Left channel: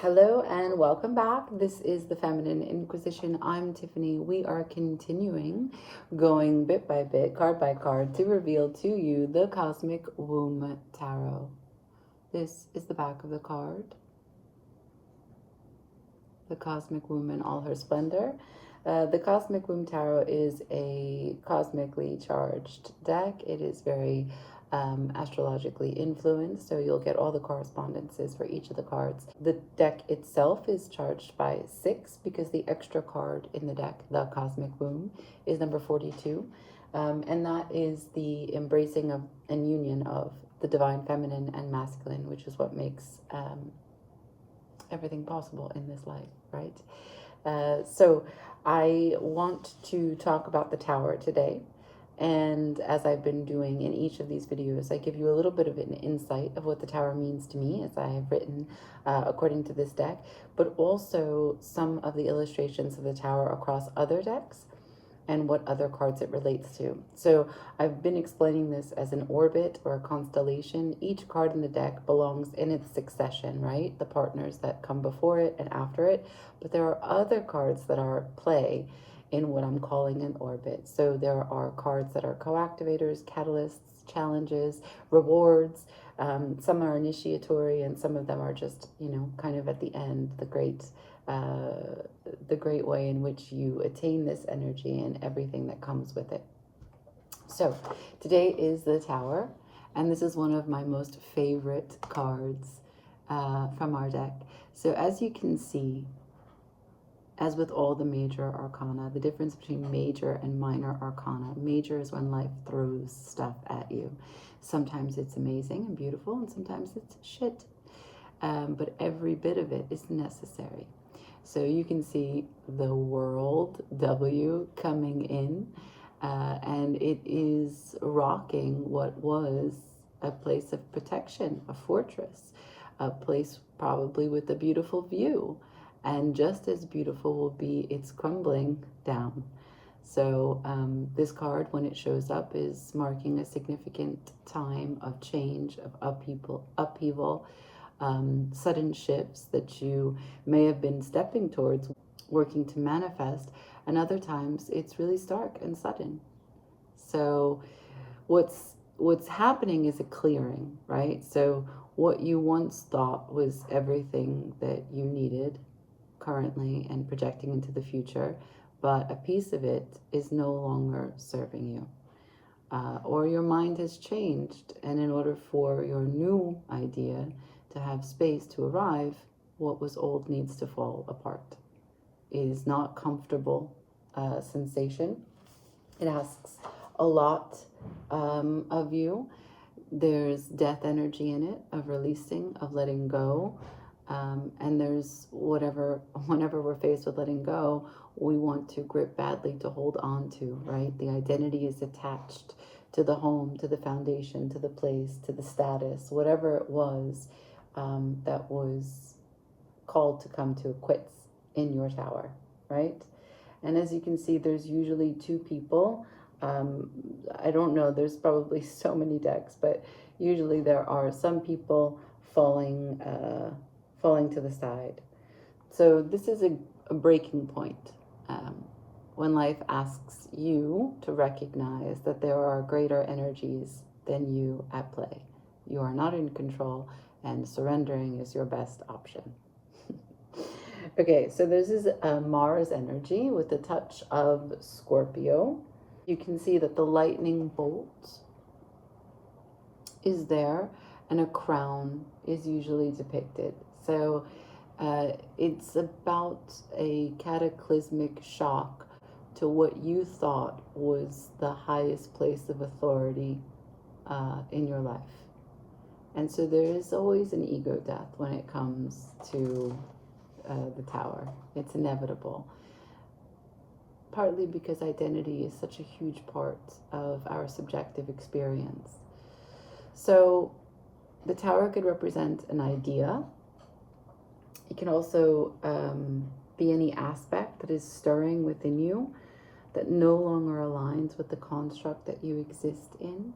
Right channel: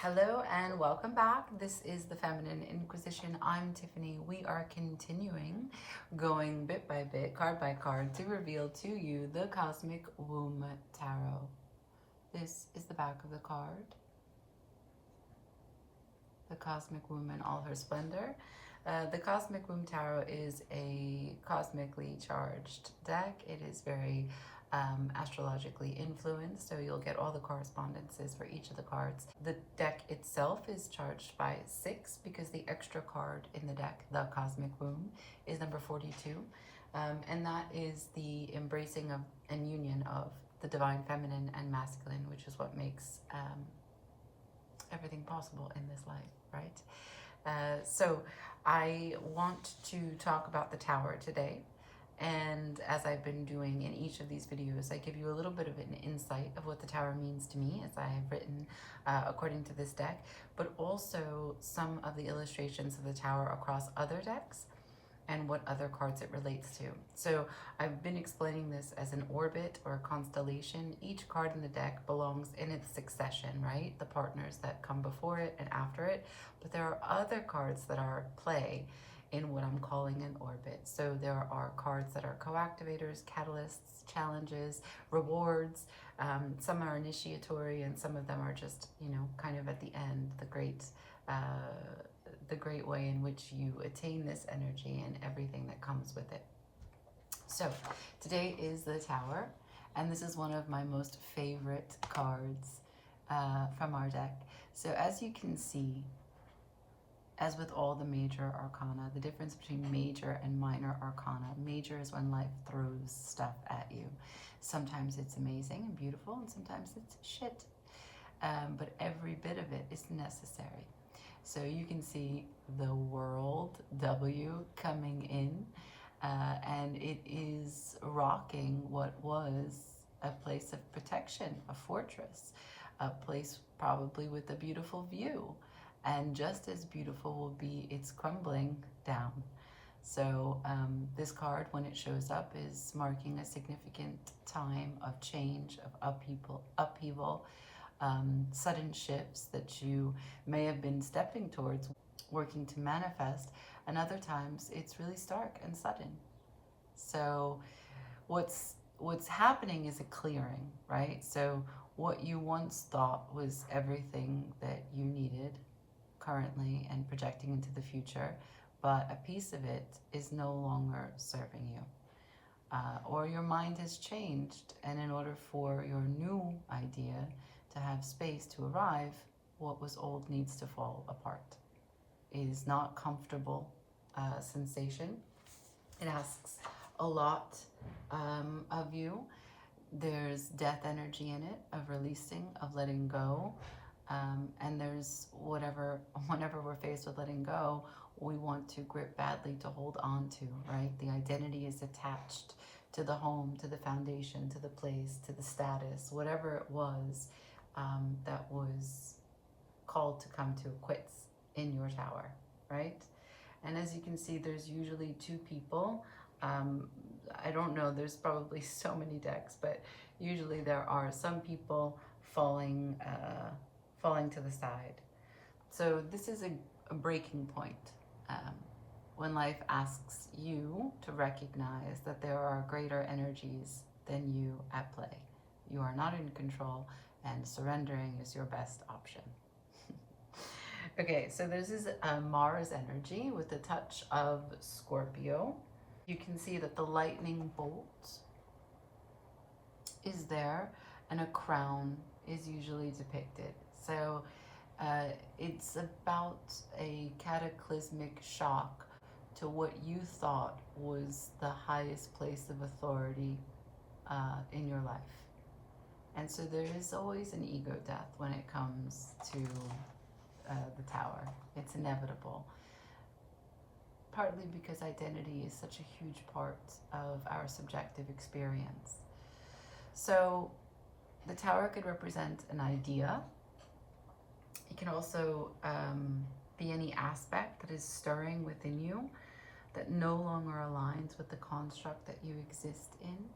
Hello and welcome back. This is the Feminine Inquisition. I'm Tiffany. We are continuing going bit by bit, card by card, to reveal to you the Cosmic Womb Tarot. This is the back of the card. The Cosmic Womb in all her splendor. The Cosmic Womb Tarot is a cosmically charged deck. It is very astrologically influenced, so you'll get all the correspondences for each of the cards. The deck itself is charged by 6 because the extra card in the deck, the Cosmic Womb, is number 42, and that is the embracing of and union of the divine feminine and masculine, which is what makes everything possible in this life, right? So I want to talk about the Tower today. And as I've been doing in each of these videos, I give you a little bit of an insight of what the Tower means to me as I have written according to this deck, but also some of the illustrations of the Tower across other decks and what other cards it relates to. So I've been explaining this as an orbit or a constellation. Each card in the deck belongs in its succession, right? The partners that come before it and after it. But there are other cards that are at play in what I'm calling an orbit. So there are cards that are co-activators, catalysts, challenges, rewards. Some are initiatory and some of them are just, kind of at the end, the great way in which you attain this energy and everything that comes with it. So today is the Tower, and this is one of my most favorite cards from our deck. So as you can see, as with all the major arcana, the difference between major and minor arcana. Major is when life throws stuff at you. Sometimes it's amazing and beautiful, and sometimes it's shit. But every bit of it is necessary. So you can see the world W coming in, and it is rocking what was a place of protection, a fortress, a place probably with a beautiful view. And just as beautiful will be its crumbling down. So this card, when it shows up, is marking a significant time of change, of upheaval, sudden shifts that you may have been stepping towards, working to manifest, and other times it's really stark and sudden. So what's happening is a clearing, right? So what you once thought was everything that you needed currently and projecting into the future, but a piece of it is no longer serving you. Or your mind has changed, and in order for your new idea to have space to arrive, what was old needs to fall apart. It is not comfortable sensation. It asks a lot of you. There's death energy in it, of releasing, of letting go. And there's whenever we're faced with letting go, we want to grip badly to hold on to, right? The identity is attached to the home, to the foundation, to the place, to the status, whatever it was that was called to come to a quits in your tower, right? And as you can see, there's usually 2 people. I don't know, there's probably so many decks, but usually there are some people falling to the side. So this is a breaking point when life asks you to recognize that there are greater energies than you at play. You are not in control, and surrendering is your best option. Okay, so this is a Mars energy with a touch of Scorpio. You can see that the lightning bolt is there, and a crown is usually depicted. So it's about a cataclysmic shock to what you thought was the highest place of authority in your life. And so there is always an ego death when it comes to the Tower. It's inevitable. Partly because identity is such a huge part of our subjective experience. So the Tower could represent an idea. It can also be any aspect that is stirring within you that no longer aligns with the construct that you exist in.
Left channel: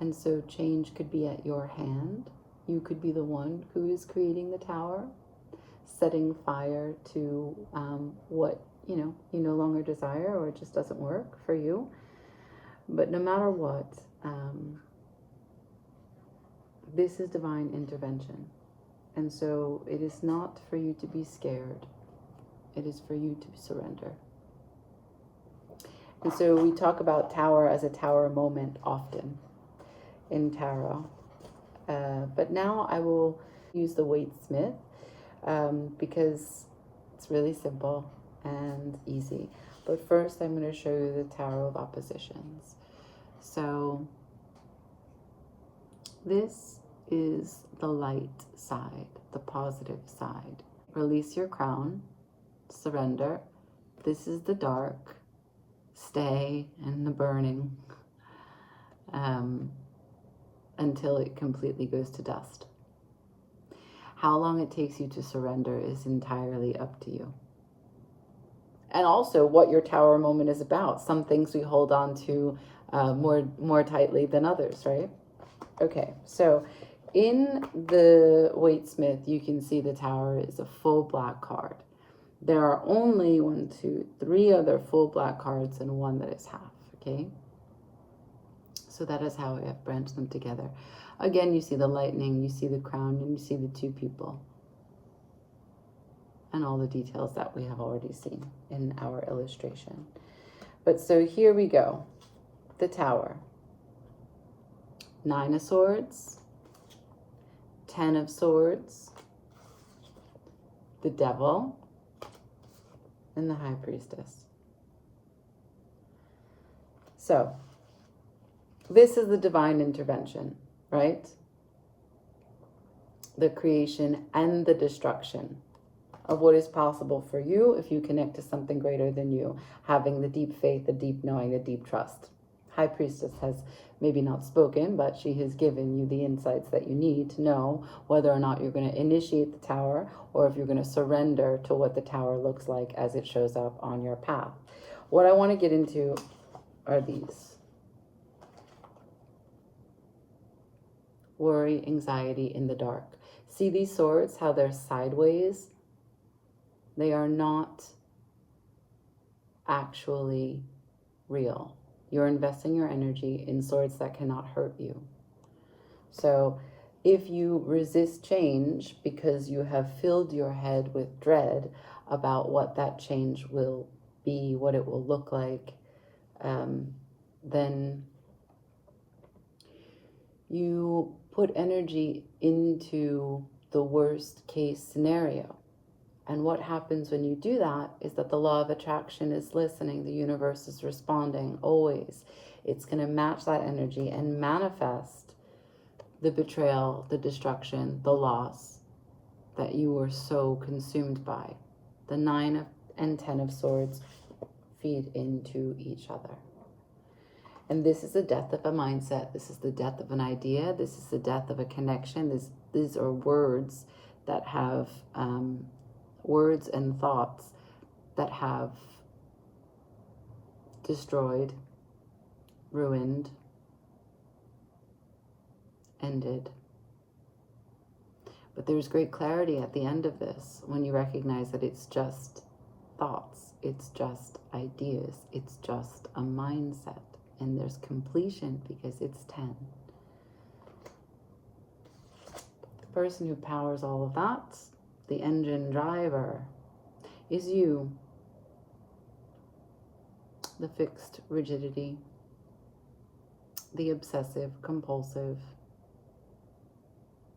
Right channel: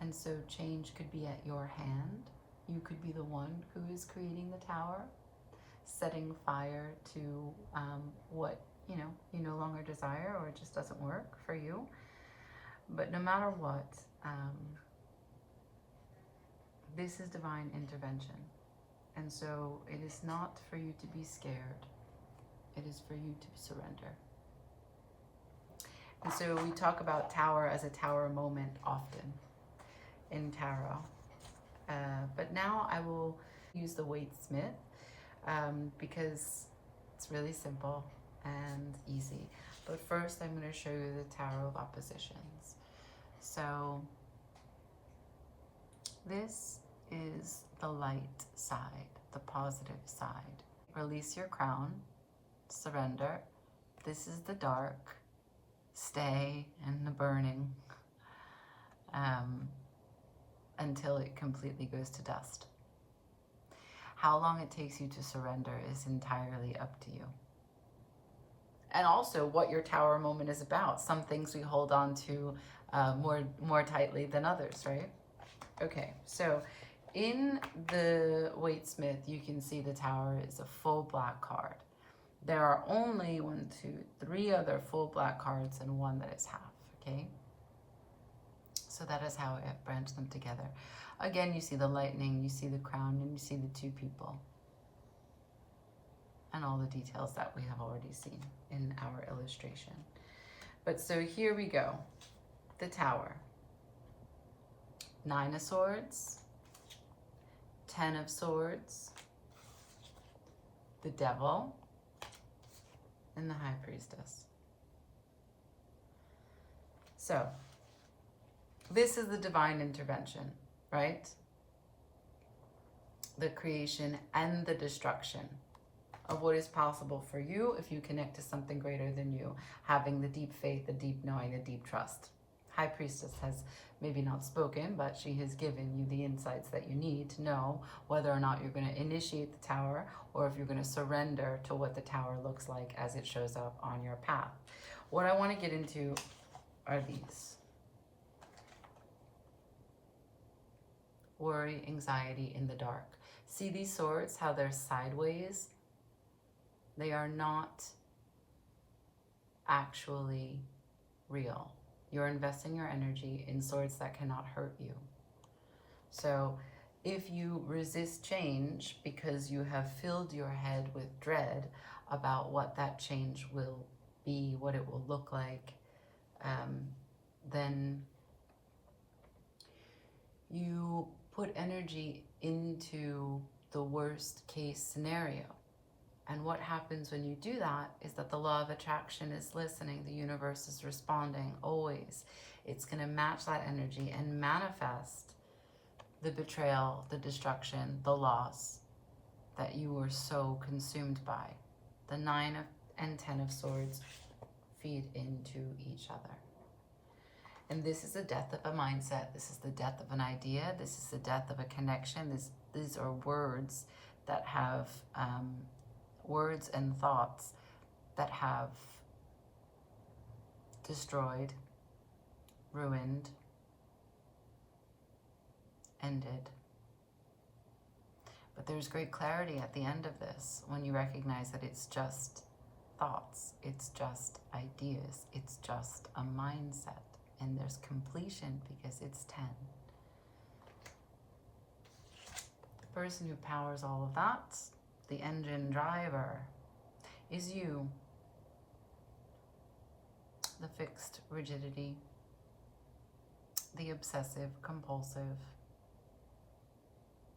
And so change could be at your hand. You could be the one who is creating the Tower. setting fire to what you no longer desire, or it just doesn't work for you. But no matter what, this is divine intervention. And so it is not for you to be scared. It is for you to surrender. And so we talk about tower as a tower moment often in tarot. But now I will use the Waite-Smith because it's really simple and easy. But first I'm going to show you the Tower of Oppositions. So this is the light side, the positive side. Release your crown, surrender. This is the dark, stay in the burning until it completely goes to dust. How long it takes you to surrender is entirely up to you. And also what your tower moment is about. Some things we hold on to more tightly than others, right? Okay, so in the Waite-Smith, you can see the tower is a full black card. There are only 1, 2, 3 other full black cards and one that is half, okay? So that is how I have branched them together. Again, you see the lightning, you see the crown, and you see the 2 people. And all the details that we have already seen in our illustration. But so here we go. The tower. 9 of Swords. 10 of Swords. The Devil. And the High Priestess. So, this is the divine intervention, right? The creation and the destruction of what is possible for you if you connect to something greater than you, having the deep faith, the deep knowing, the deep trust. High Priestess has maybe not spoken, but she has given you the insights that you need to know whether or not you're going to initiate the tower or if you're going to surrender to what the tower looks like as it shows up on your path. What I want to get into are these. Worry, anxiety in the dark. See these swords, how they're sideways? They are not actually real. You're investing your energy in swords that cannot hurt you. So if you resist change because you have filled your head with dread about what that change will be, what it will look like, then you put energy into the worst case scenario. And what happens when you do that is that the law of attraction is listening. The universe is responding always. It's going to match that energy and manifest the betrayal, the destruction, the loss that you were so consumed by. The 9 and 10 of Swords feed into each other. And this is the death of a mindset. This is the death of an idea. This is the death of a connection. These are words that have... words and thoughts that have destroyed, ruined, ended. But there's great clarity at the end of this when you recognize that it's just thoughts, it's just ideas, it's just a mindset, and there's completion because it's 10. The person who powers all of that, the engine driver, is you. The fixed rigidity, the obsessive compulsive,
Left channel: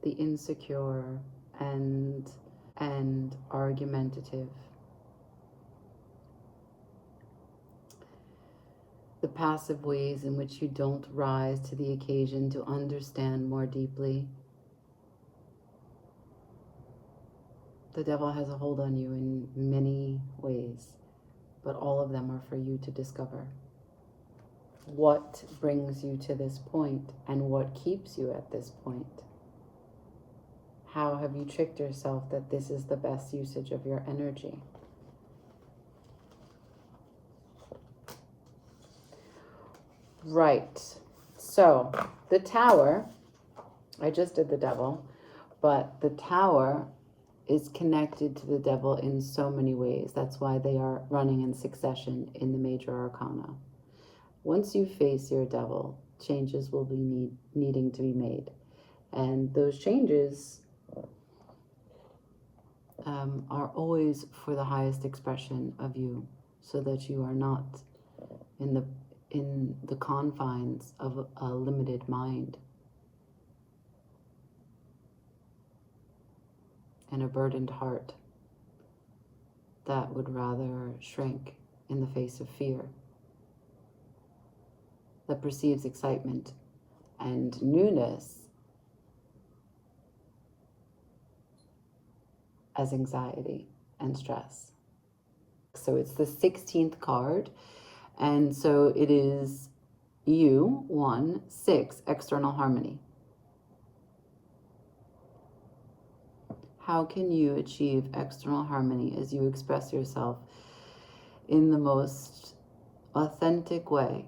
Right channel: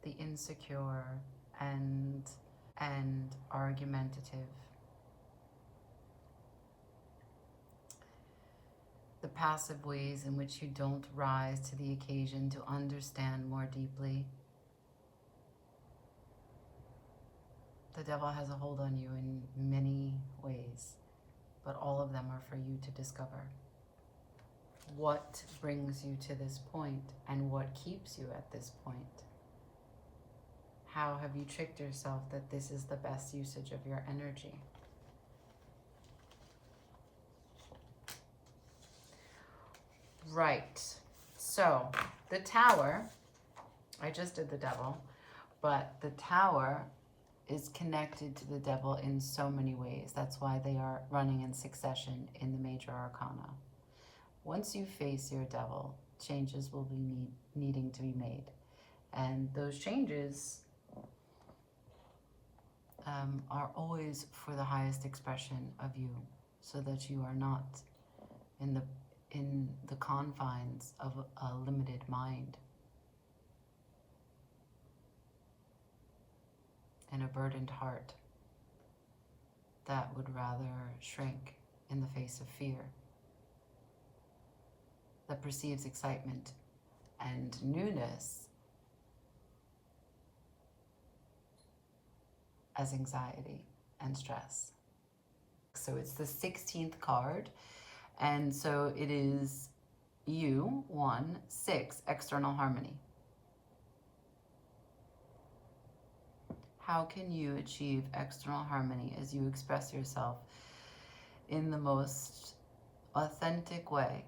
the insecure and argumentative, the passive ways in which you don't rise to the occasion to understand more deeply. The devil has a hold on you in many ways, but all of them are for you to discover. What brings you to this point and what keeps you at this point? How have you tricked yourself that this is the best usage of your energy? Right. So the tower, I just did the devil, but the tower is connected to the devil in so many ways. That's why they are running in succession in the major arcana. Once you face your devil, changes will be needing to be made. And those changes are always for the highest expression of you, so that you are not in the confines of a limited mind and a burdened heart that would rather shrink in the face of fear, that perceives excitement and newness as anxiety and stress. So it's the 16th card, and so it is you, 1, 6, external harmony. How can you achieve external harmony as you express yourself in the most authentic way?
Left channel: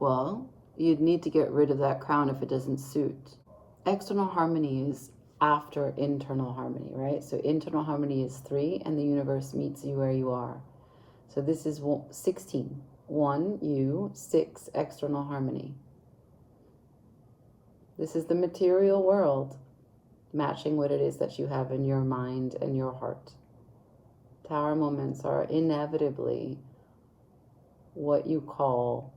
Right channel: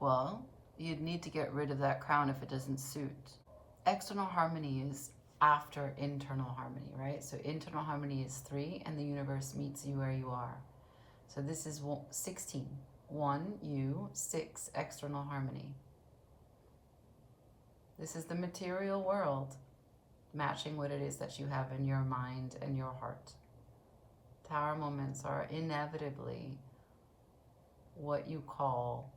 Well, you'd need to get rid of that crown if it doesn't suit. External harmony is after internal harmony, right? So internal harmony is 3, and the universe meets you where you are. So this is 16. 1, you, 6, external harmony. This is the material world matching what it is that you have in your mind and your heart. Tower moments are inevitably what you call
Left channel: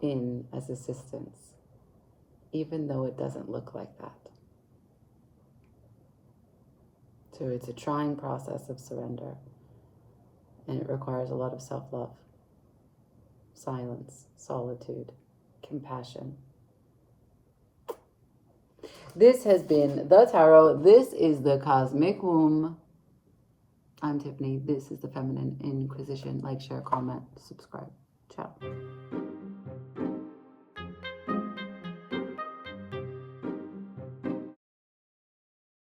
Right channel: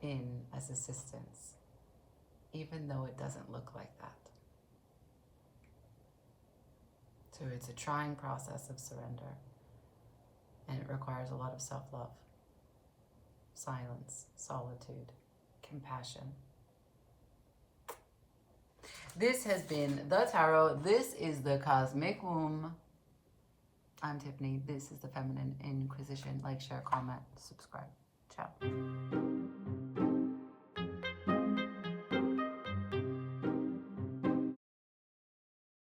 in as assistance, even though it doesn't look like that. So it's a trying process of surrender, and it requires a lot of self-love, silence, solitude, compassion. This has been The Tarot. This is the Cosmic Womb. I'm Tiffany. This is the Feminine Inquisition. Like, share, comment, subscribe. Ciao.